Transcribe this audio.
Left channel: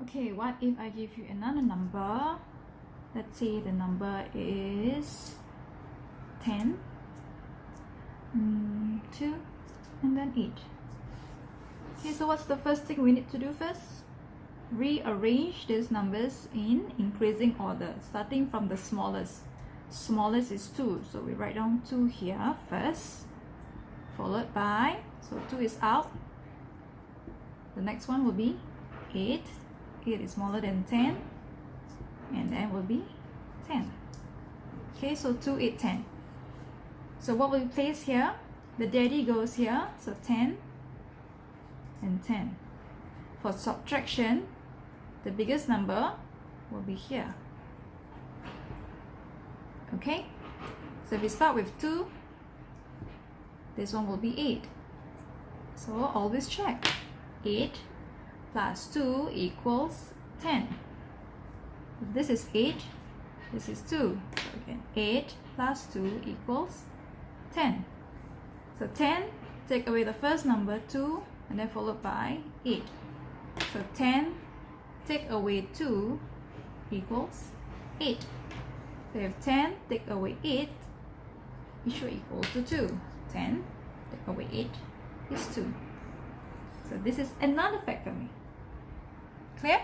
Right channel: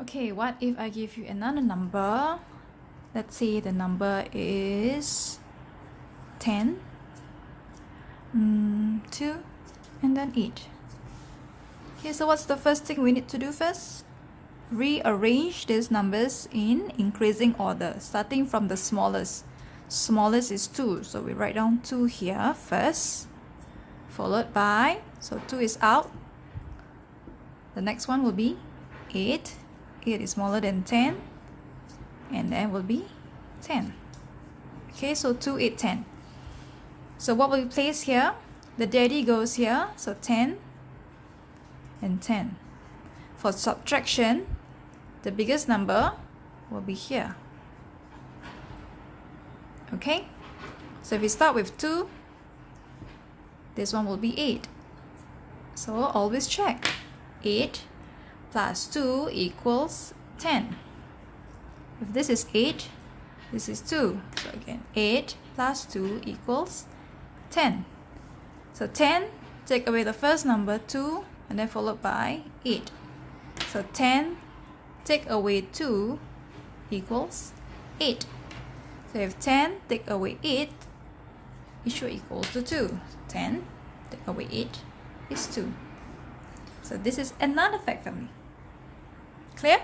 Okay, what if I give you another number? Let's say the number is 10, 2, and then 8. Okay, so what's the first thing we need to do first? Rearrange these numbers in increasing order, starting from the smallest. Smallest is 2, so we write down 2 here first, followed by, so 2 is out. The next one will be 8. 8 is smaller than 10, and then will be 10. Okay, so 2, 8, 10. So what will we place here? The daddy goes here, so 10 and 10. For subtraction, the biggest number will be here. Okay, so if we start with 2, this one will be 8. So always check. 8 plus 2 equals 10. If this is 8, this is 2. So again, 8 plus 2 equals 10. So 10, take away the first number 2, and then followed by 8. So 10 take away 2 equals 8. So if 10 take away 8, it should equal to 2. 10 take away 8 is 2. So this is another fact family. Clear?